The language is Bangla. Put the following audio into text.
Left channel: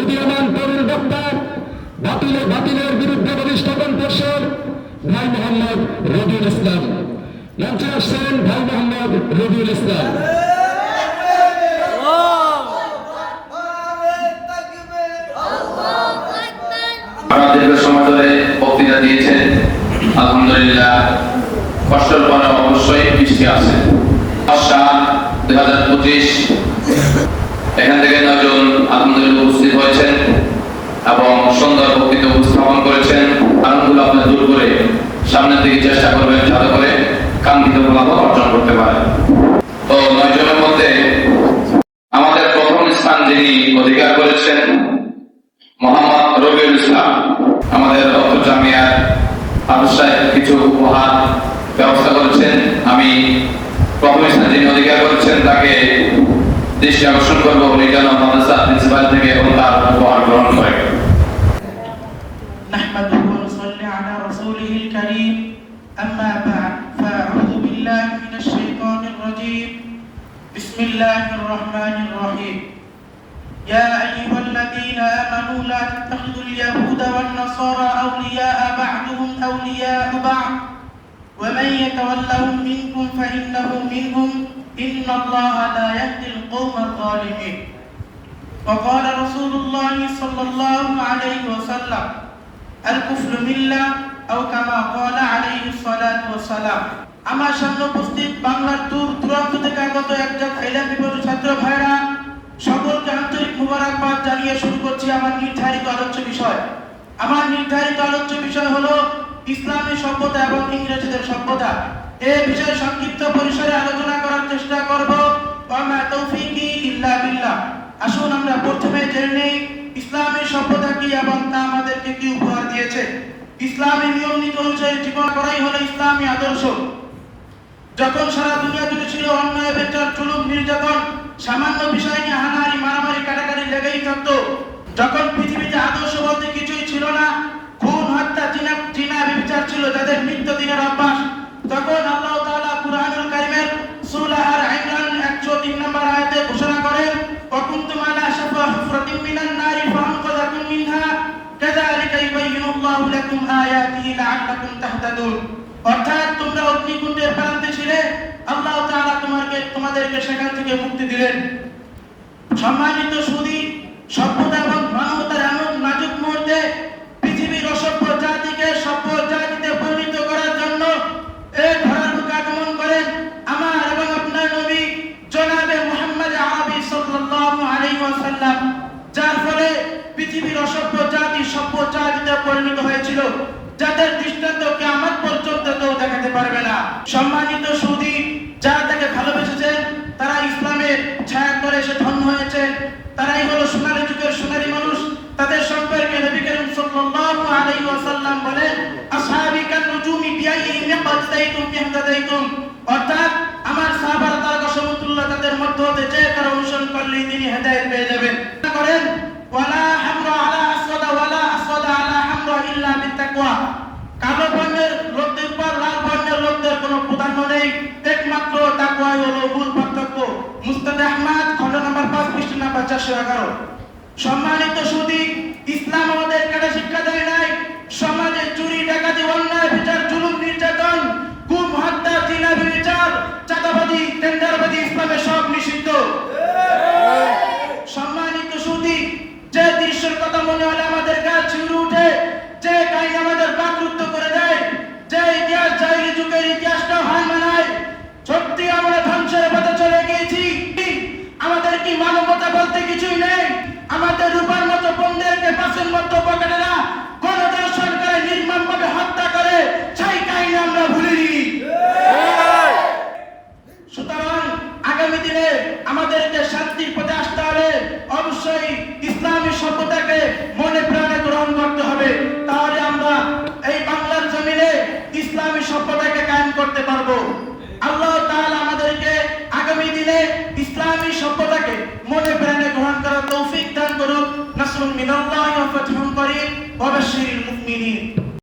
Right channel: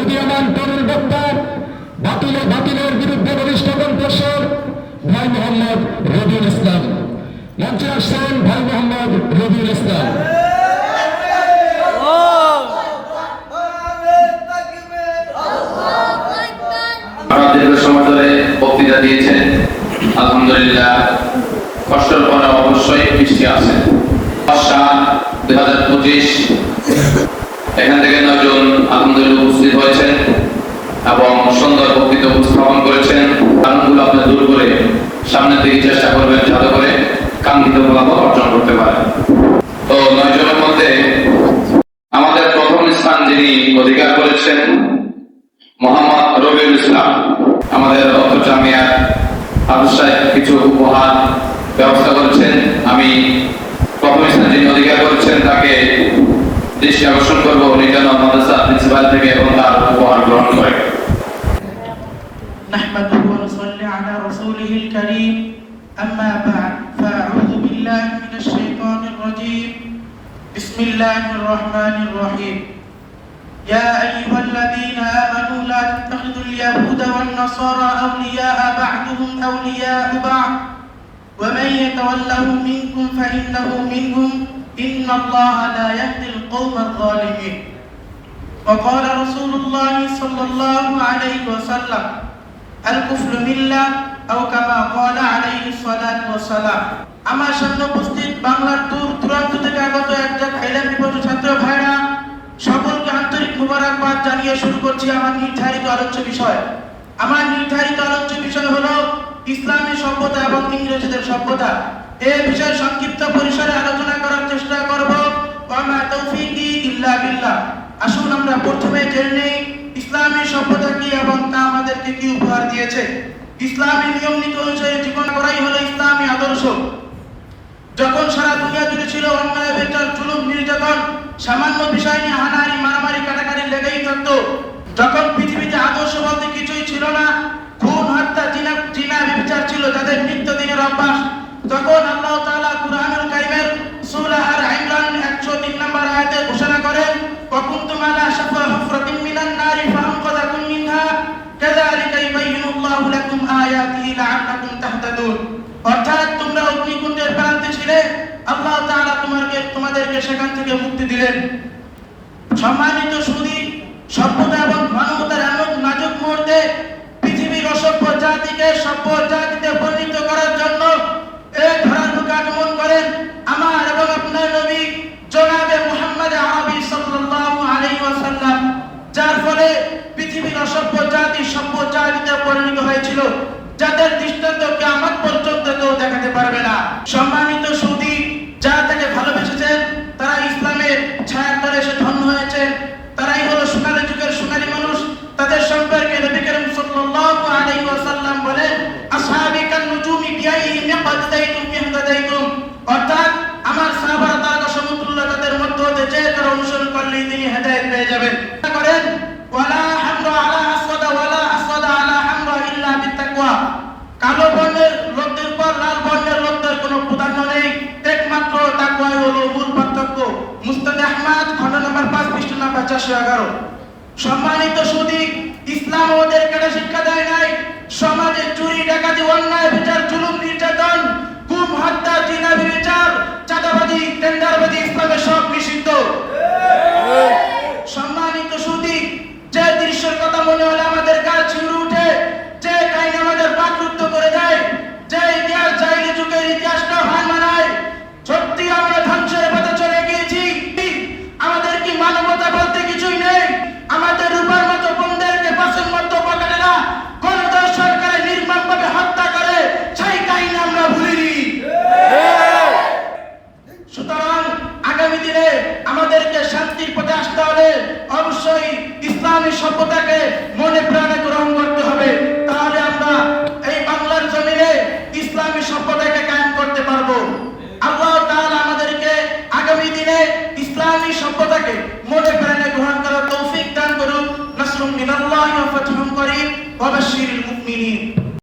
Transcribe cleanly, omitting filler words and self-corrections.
উদীয়মান তরুণ বক্তা, বাতিলের বিরুদ্ধে বলিষ্ঠ কণ্ঠস্বর ভাই মোহাম্মদ রবিউল ইসলাম। মঞ্চে আসছেন ভাই মোহাম্মদ রবিউল ইসলাম। দীর্ঘ সময় ধরে বক্তৃতা দিয়েছেন, আলহামদুলিল্লাহ। কষ্টের পরে অবশ্যই বৃষ্টি আছে। 2025 এখান থেকে 9 জন আলহামদুলিল্লাহ উপস্থিত হয়েছেন এবং সুন্দর বক্তৃতা উপস্থাপন করেছেন। কারণগুলো আপনি দূর করে সামনের দিকে চেষ্টা করবেন যাতে করে কাঙ্ক্ষিত ফলাফল অর্জন করতে পারেন। তো 9 জনের মধ্যে আমাদের প্রথম স্থান যিনি অধিকার করেছেন মোহাম্মদ রবিউল ইসলাম। আমাদের ডক্টর জামিয়ার আবশ্যক কিছু উপহার ব্যবস্থা করেছেন। আমি প্রথম স্থান যিনি অধিকার করেছেন তাকে দৃষ্টি আকর্ষণ করবো রিটার্ন মাদ্রাসা প্রিন্সিপাল থেকে এবং তার উপহার গ্রহণ করে। نحمده ونصلي على رسوله الكريم أما بعد فأعوذ بالله من الشيطان الرجيم بسم الله الرحمن الرحيم يا أيها الذين آمنوا لا تتخذوا اليهود والنصارى أولياء بعضهم أولياء بعض ومن يتولهم منكم فإنه منهم إن الله لا يهدي القوم الظالمين وقال رسول الله صلى الله عليه وسلم الكفر ملة أو كما قال عليه الصلاة والسلام। আমার সামনে উপস্থিত বাংলার দূর দূরান্ত থেকে আগত একজন এলেম বিপন্ন ছাত্র ভাইরা, সকলকে আন্তরিক মুবারকবাদ জানিয়ে শুরু করছি আমার নির্ধারিত আলোচ্য বিষয়। আমার নির্ধারিত আলোচ্য বিষয় হলো ইসলামী সভ্যতা এবং ইংরেজদের সভ্যতা। এই বিষয়ে সংক্ষিপ্ত পরিসরে আলোচনা করার চেষ্টা করব। ওয়া মা তৌফিকি ইল্লা বিল্লাহ। আসুন আমরা প্রথমে জেনে নেই ইসলামী সভ্যতা কি এবং তা আমাদেরকে কি উপহার দিয়েছে। ইসলামী নিয়ম নীতি অনুযায়ী জীবন করাই হলো ইসলামী আদর্শ। যখন সারা দুনিয়া জুড়ে ছিল অন্যায়, বিচার, জুলুম, নির্যাতন, সামান্য বিষয় নিয়ে হানাহানি, মারামারি, কাটাকাটি লেগেই থাকতো, যখন পৃথিবীতে আদর্শ বলতে কিছুই ছিল না, খুন, হত্যা, জিনা, ব্যভিচার ছিল যাদের নিত্যদিনের অভ্যাস, তখন আল্লাহ তাআলা কুরআনুল কারীমের সূরা আর ইমরান 103 নম্বর আয়াতে ঘোষণা করেন, ওয়াকুনতুম আলা শাফা হুফরাতিন মিনান নারি ফাআনকাযাকুম মিনহা কাযালিকা ইউবাইয়িনুল্লাহু লাকুম আয়াতিহি লাআল্লাকুম তাহতাদুন। অর্থাৎ তোমরা অগ্নিকুণ্ডের প্রান্তে ছিলে, আল্লাহ তাআলা তোমাদেরকে সেখান থেকে মুক্তি দিলেন। সম্মানিত সুধী, সভ্যতা এবং মানবতার এমন নাজুক মুহূর্তে পৃথিবীর অসভ্য জাতিকে সভ্য জাতিতে পরিণত করার জন্য এই ধরার বুকে আগমন করেন আমার এবং আপনার নবী জনাবে মুহাম্মদ আরবি সাল্লাল্লাহু আলাইহি ওয়াসাল্লাম, যার ফলে পৃথিবীর অসভ্য জাতি সভ্য জাতিতে পরিণত হয়েছিল, যাদের দৃষ্টান্ত কিয়ামত পর্যন্ত কেউ দেখাতে পারবে না। সম্মানিত সুধী, যারা তাকে ভালোবেসেছেন তারা ইসলামের ছায়ার তলে এসে ধন্য হয়েছেন, তারাই হলো সোনালী যুগের সোনালী মানুষ। তাদের সম্পর্কে নবী করিম সাল্লাল্লাহু আলাইহি ওয়াসাল্লাম বলেন, আসহাবি কান নুজুমি বিআইহিম ইয়াকতাদাইতুম ইয়াহতাদাইতুম। অর্থাৎ আমার সাহাবারা তারকা সমতুল্য, তাদের মধ্য হতে যে তার অনুসরণ করলেই তিনি হেদায়েত পেয়ে যাবেন। করেন ওয়ালা হামরা আলা আসওয়াদা ওয়ালা আসওয়াদা আলা হামরা ইল্লা বিত্তাকওয়া। কালো বর্ণের লোকদের পর লাল বর্ণের লোকদের কোনো প্রাধান্য নেই, একমাত্র তাকওয়াই হলো মূল পার্থক্য। মুস্তাদ আহমদ খণ্ড নম্বর 5 পৃষ্ঠা নম্বর 411। সম্মানিত সুধী, ইসলাম আমাদেরকে শিক্ষা দেয় নাই সমাজে চুরি, ডাকাতি, অন্যায়, বিচার, জুলুম, নির্যাতন, গুম, হত্যা, জিনা, ব্যভিচার, চাঁদাবাজি, টেন্ডারবাজি ইসলামে সব নিষিদ্ধ। সম্মানিত সুধী, যে দৃশ্যের কথা মনে হলে আমাদের গা শিউরে ওঠে, যে কাহিনী আমাদের বাকরুদ্ধ করে দেয়, যে ইতিহাস জাহিলি যুগের ইতিহাসটা হার মানায়, সত্যি আমরা ধ্বংসের পথে চলে গিয়েছি। আমাদের কি মানবতা বলতে কিছুই নেই? আমাদের রূপার মতো বোনদেরকে পাশের মতো পকেটে না গণধর্ষণ করে নির্মমভাবে হত্যা করে, সেই কাহিনী আমরা ভুলিনি। সুতরাং আগামী দিনে আমাদেরকে শান্তির পথে আসতে হলে অবশ্যই ইসলামী সভ্যতাকে মনে প্রাণ